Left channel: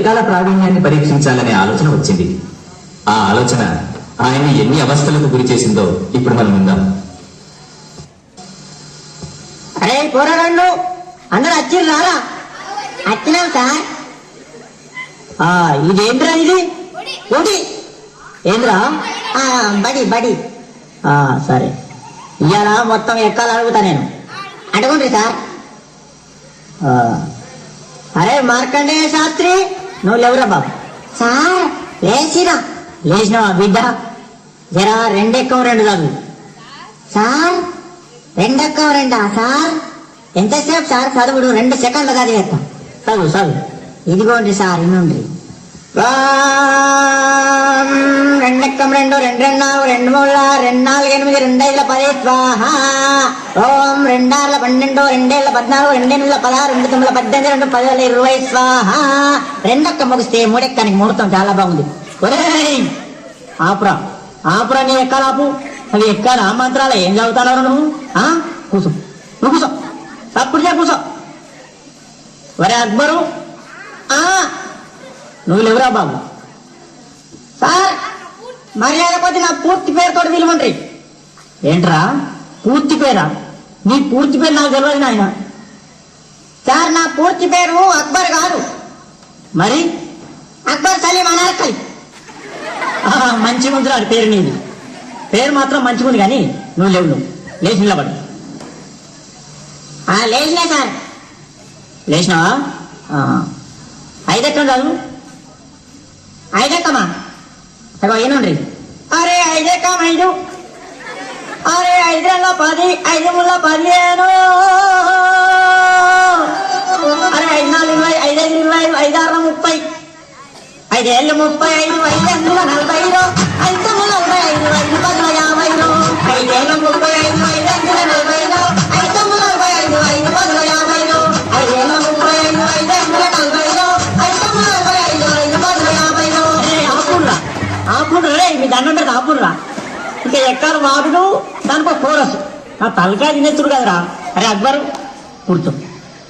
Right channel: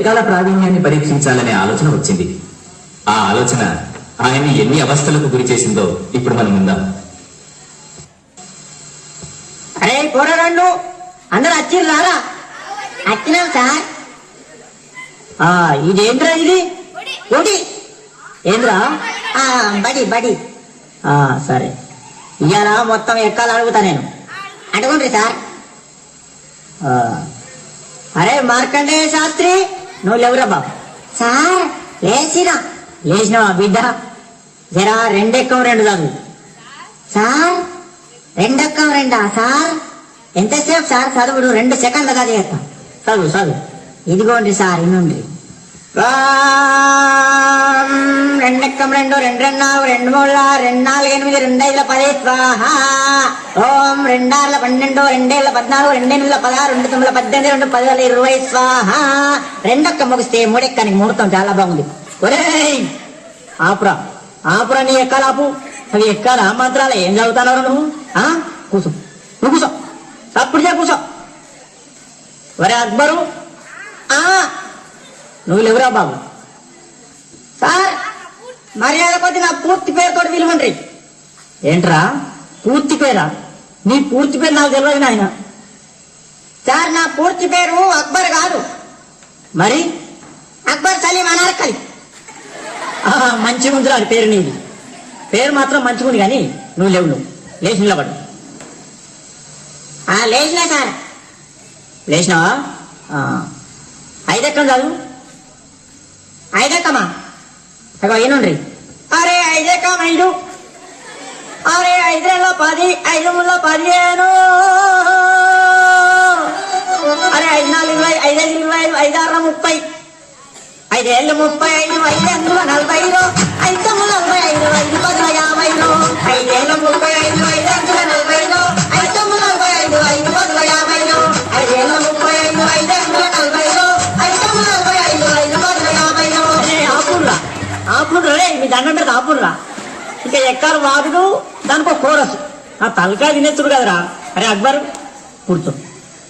ఎక్కాల ప్రావీణ్యాన్ని పరీక్షించాలనే ఆలోచన వచ్చింది. ఆ ఆలోచన ఆయన్ని ఎన్ని అవస్థలకు గురి చేసిందో ఇప్పుడు మనం విందాం. అరే పోరాడు, అందరు వచ్చిర్రారా? వచ్చినాం సార్. ఇదేంద్రా ఇది? ఓడి ఏంద్రా? బడి బడి. సరే, ఇవాళ మొత్తం ఎక్కాలి అడుగుతా నేను. అడగండి సార్. అరే మార్కండేయ శాస్త్రి, నువ్వు లేవురా బాబు. సార్ లేచిరా. లేచినవా బిడ్డ? జరా రెండెక్కం రెండు చదువు. సార్ రెండెక్కం రెండా సార్? ఎంతసేపు సార్ చదువుడు? 2 సెకండ్లు చదివేస్తాం. చదువు చదువు. ఇదిగోండి సార్, ఇన్నుండి. రెండెక్కం రెండు, 2 2 2 3 2 4 8 2 5 10 స్వాహ. ఓం 2 6 12 2 14 2 16 2 9 18 2 10 20 స్వాహ. రెండెక్క ముగిస్తే మూడెక్కని ముహూర్తం చాలా బాగుంది. ఒరేయ్ ఆపురా ఆపురా, నీ ఎక్కాలి ఆపు. అది ఎక్కాలి. ఆ మంత్రాలు ఏం చదువుతావు నువ్వు? కూర్చో, నువ్వు కూర్చో. తప్పుడు చే కూర్చో. ఒరే అక్బరు, నువ్వు లేవురా బాబు. సార్ మర్యాద కొద్ది నా పూర్తి పేరుతో పిలవండి. ఏంట్రా పూర్తి పేరా? నీ పూర్తి పేరు నాకు తెలియదు నాయన. సార్ నా పూర్తి పేరు అక్బర్ కాదు. మరి అక్బర్ సలీం అనార్కలి. మంచిగా ఉంది అది పేరు. నీది పేరు మాత్రం మంచిగా ఉంది, కానీ నువ్వు లేవు. నువ్వు లేచి నిలబడు. లేచినా సార్. లేచినావా? 5 ఎక్కం చదువు. 5 ఎక్కమా? ఏనండి. అరే 5 ఎక్కం 5. అరే 5 10 5 15. అరే 5 4 20 5 5 25 5 6 30 5 ఏళ్ళు 35 5 అందులో 45 5 తొమ్మిది 45 5 10 50 5 ఏళ్ళు 35 5 అందులో 45 5 తొమ్మిది 45 5 10 50 5 ఏళ్ళు 35 5 అందులో 45 5 తొమ్మిది 45 5 10 50. ఆపుర్రా ఆపుర్రా, రే మీ దండం పెడితే ఆపుర్రా. ఇంకా ఎక్కాలి వాదుడు, దానికో కోరసు. నా తలకాయ తినేస్తుడు కదరా. అరే అక్బరు కూర్చో.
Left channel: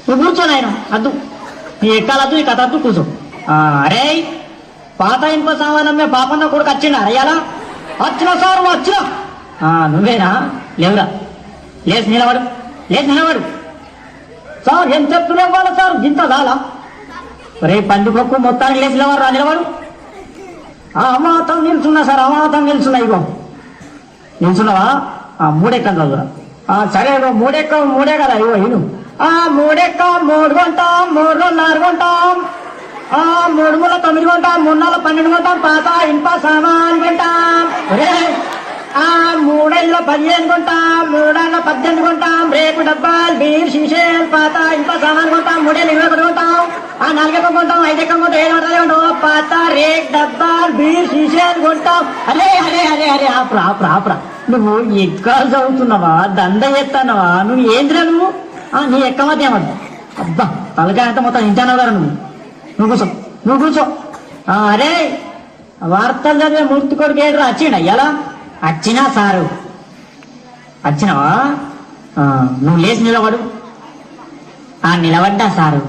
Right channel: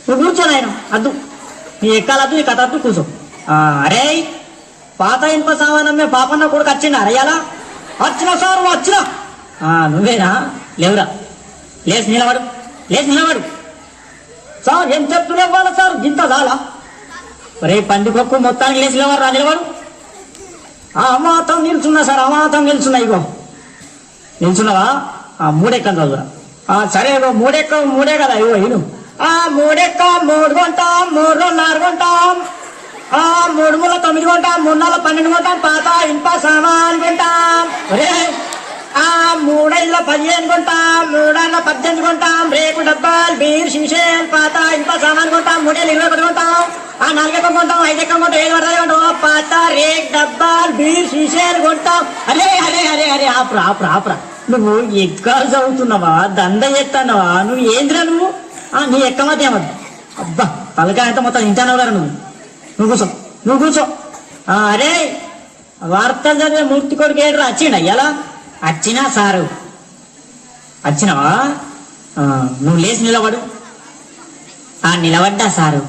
నువ్వు కూర్చోను ఆయన అద్దు. నీ ఎక్కాలద్దు, నీ కథ అద్దు, కూర్చో. అరే పాత ఇంప సామానమ్మే పాపన్న కొడుకు వచ్చిండా? అయ్యాలా వచ్చినా సార్? వచ్చినా. నువ్వేనా? లేవురా. లేచి నిలబడు, లేచి నిలబడు. సార్ ఏం చెప్తున్నావు వాళ్ళ సార్? గింత చాలా. రే పండుగకు మొత్తానికి లేచి నిలబడు. రా నిలబడు. అమాతం నిల్చున్నా సార్, అమాతం నిల్చున్నా. ఇగో నిల్చున్నావా? 3 ఎక్కం చదువురా. సరే మూడే కదా. ఇగో ఇను 3 ఎక్క 3 కొంటాం, 3 2 6 కొంటాం, 3 3 9 కొంటాం, 3 4 12 కొంటాం, పాత ఇంప సామాన్ కొంటాం. 3 ఏళ్ళ 15 కొంటాం, 3 ఏళ్ళ 18 కొంటాం, రేపు డబ్బాలు బీర్ షీషేల్ పాత ఇంప సామాన్ కొంటాం. 3 ఏళ్ళు 21 కొంటాం, 4 ఎక్కం కొంటాం, 5 ఎక్కం కొంటాం, 7 అర్థాలు కొంటాం, పాత రేట్ డబ్బాలు బీర్ షీషేల్ కొంటాం. అరే అరే అరే అరే ఆపురా ఆపురా ఆపురా. నువ్వు ఎక్కాలు చదువుతున్నావా? దండ ఎత్తానవా? నువ్వు ఏందిరా నువ్వు? నీ ఎక్కమతే ఏమద్దా? అబ్బా తలకాయ అంతా మొత్తం ఇంటానే వారు. నువ్వు కూర్చో, నువ్వు కూర్చో. అరే వార్తలు చదివే మూర్తి కొడుకు ఏడ్రా? వచ్చిండా ఎలా? వచ్చినా సారు. వచ్చినావా? నువ్వు లేచి నిలబడు. నిలబడ్డా సారు.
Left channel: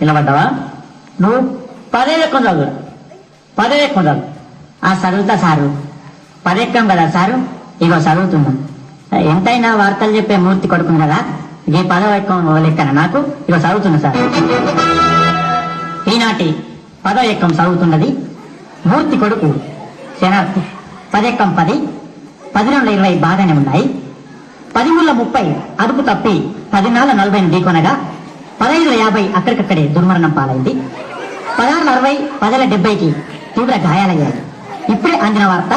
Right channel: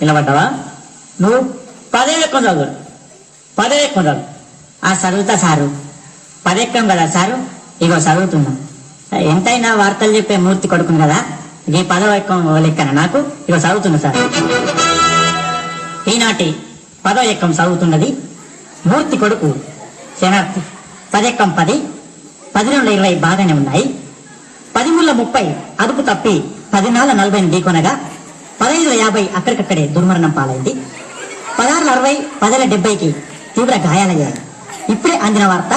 నిలబడ్డావా? నువ్వు 10 ఎక్కం చదువు. 10 ఎక్కం చదువు. చదువుతా సారు. 10 ఎక్కం కదా సారు? ఇగో చదువుతున్నా. ఎంతైనా వార్తలు చెప్పే మూర్తి కొడుకును కదా, ఈ 10వ ఎక్కం లెక్కన నాకు. ఇగో చదువుతున్నా సార్. ఈనాటి 10వ ఎక్కం చదువుతున్నది మూర్తి కొడుకు శనార్థి. 10 ఎక్కం 10, 10 2 20 బాగానే ఉన్నాయి. 10 3 30 అదుపు తప్పి 10 4 40 ఢీకొనగా 15 50 అక్కడికక్కడే దుర్మరణం పాలైంది. 16 60 10 70కి తీవ్ర గాయాలయ్యాయి. ఇప్పుడే అందిన వార్త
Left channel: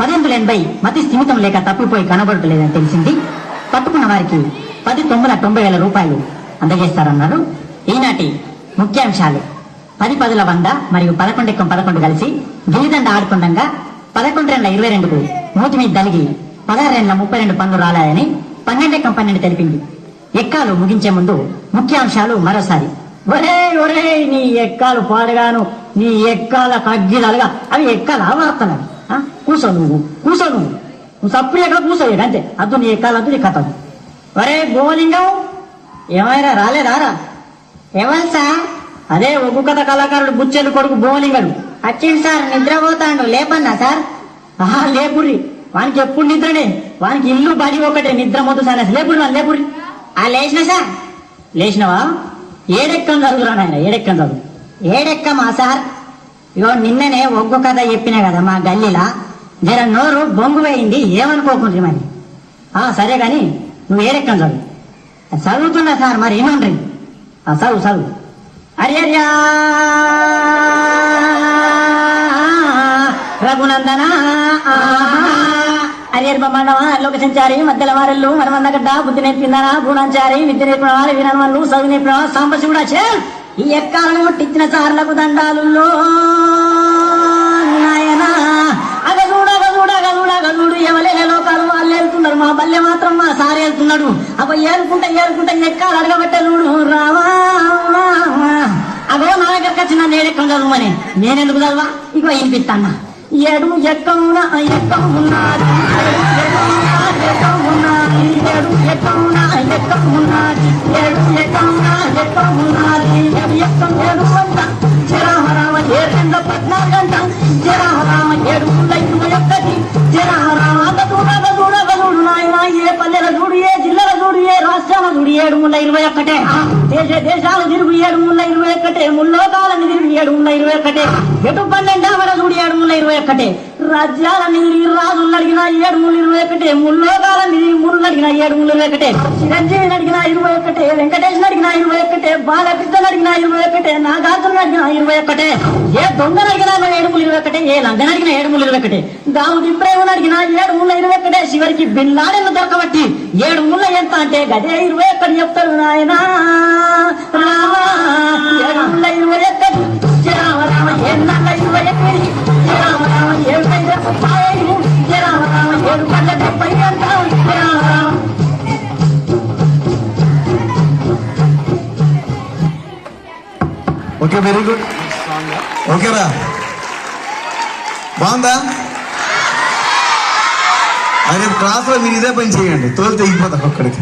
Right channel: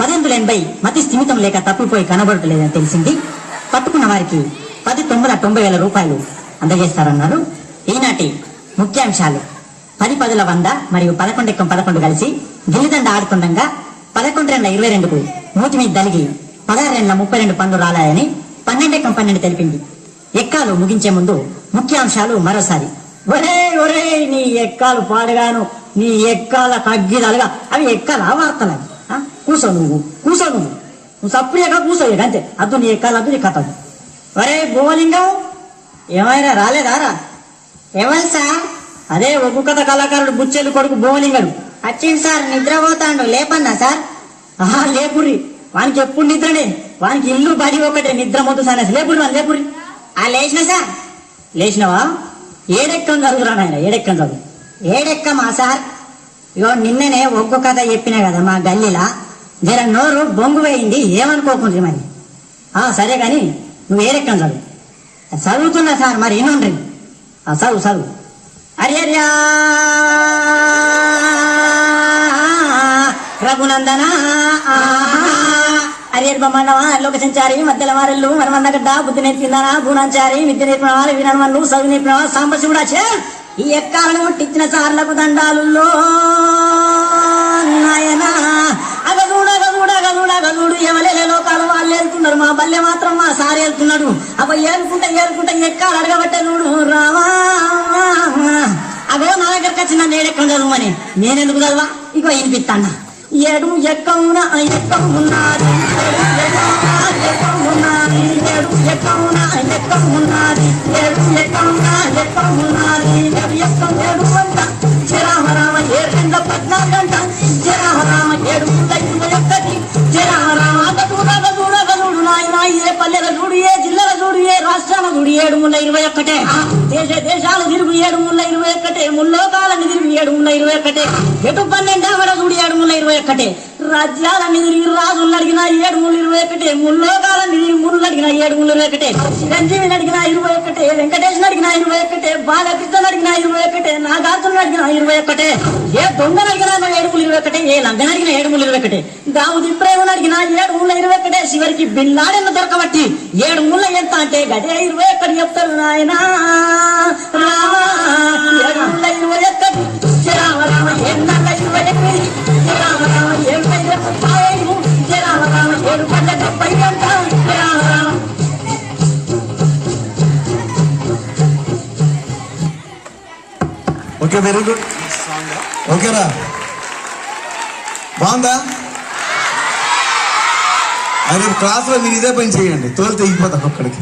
18 80 మతి స్థిమితం లేక తప్పిపోయి కనబడటలేదని తెలిసింది. పట్టుకున్న వారికి 10 9 90,000 రూపాయలు అందజేస్తారన్నారు. ఈనాటి ముఖ్యాంశాలు: 10 10 100 మరియు 11 ఎక్కం 11 కలిసి గిలిదండ ఆడుతుండగా 11 2 22కు మూతి మీద దలిగి 16 32 పనులు రాలాయని 12 ఎక్కం 12 తెలిపింది. ఎక్కాలు ముగించే ముందు ముఖ్యాంశాలు మరోసారి. ఒరే ఒరే నీ ఎక్కాలు పాడగాను, నీ ఎక్కాల కగ్గిలలుగా. అవి ఎక్కాల వార్తలు. కూర్చో నువ్వు, కూర్చో నువ్వు సప్పుడేగా కూర్చోలేదు అంతే. అద్దు నీ ఎక్కాలద్దు, నీ కథ. ఒరే గోలింగం ఏమైనా రాలేదారా? ఎవరు సార్? అదే ఒగ్గు కథ కళాకారుడు బుచ్చెలు కొడుకు బోలింగడు వచ్చింది సార్. నిద్రపోతాడు లేపన్నా సార్. లేపుర్రి, వానికి ఎప్పుడు నిద్రనే, వానికి ఇల్లు బడి ఒకటే, నిద్ర మొత్తం సార్. లేపుర్రి వాళ్ళు లేపుర్రి. లేచిన సార్. లేచినవా? ఏడెక్కం చదువురా నాయన, ఏడెక్కం చదువు. ఏడెక్కమా సార్? ఇగో నిన్ననే ఒగ్గు కథ చెప్పినా కదా మా గల్లీలా, జర నోరు బొంగు వేయింది, ఏమనుకోకుండ్రి మరి. సరే కానీ నువ్వు ఏడెక్కం చదువు. చదువుతున్నా సార్, మరి ఏమండ్రి? చదువు చదువు. అర్యర్యా రఘునందన అర్యర్ బ్రహ్మాండమా లోక సంచారి మధ్యల వారళ్ళు మనమందగడ్డ బుద్ధి నేర్పిందనా భూనాచారి విద్య నేర్పిన వాళ్ళు వినని వాళ్ళు చదువు నేర్పిన సాంబశివుడా చే ఈ ఎక్కాలను ముట్టించిన సార్లకు దండాలు నాయనా. అగదూడు ఎవలే లోకాలు వాళ్ళు ఏరుకున్నారు, మా బల్లె మాత్రం మా సార్ ఏరుకున్నాడు. అప్పుడు ఏరుకుంటా ఎక్కాలు అడగబెట్టలుడు రావా. అగో నా దగ్గరకు వచ్చిన నేడెక్కం చదువుమని, నేనెందుకు చదువా? ఇగో వినిపిస్తాను. ఏడు ఎక్కమున్నా ఎక్కమున్నది, ఏడు పద్నాలుగంట ఏ పల్లెల చూడు, ఏ జిల్లాల చూడు, ఏ రాష్ట్రాల చూడు, 721 దేశాల తిరుగు 721 ముల్లోకాలని తిరిగి 721 ఎటు 12 చూడు 721 రాజ్యాలని తిరిగి రాజులు అడిగిన 721 ముల్లోకాలని ముళ్ళు అడిగిన 721 చిరంజీవిని అడిగిన 21 వెంకటేశ్వర అడిగిన 21 బాలకృష్ణ అడిగిన 21 నాగార్జున అడిగిన 21 ఏ దొంగను అడిగిన 721 ఏ లంగన అడిగిన 721 దావుది ప్రేమను అడిగిన 721 చివరికి బిల్లాడెన్ను దొరకబట్టి 7 ముళ్ళ ఎంత అంటే గదే 21 చెప్తారు ఆయన Rama 721 Rama 721 okay, very good. ఓకేరా, బాగుందా? అది క్లాస్లో మీరు ఇదే పని చేయండి, తోలు తెగిపోతాం ఒక్కడికి.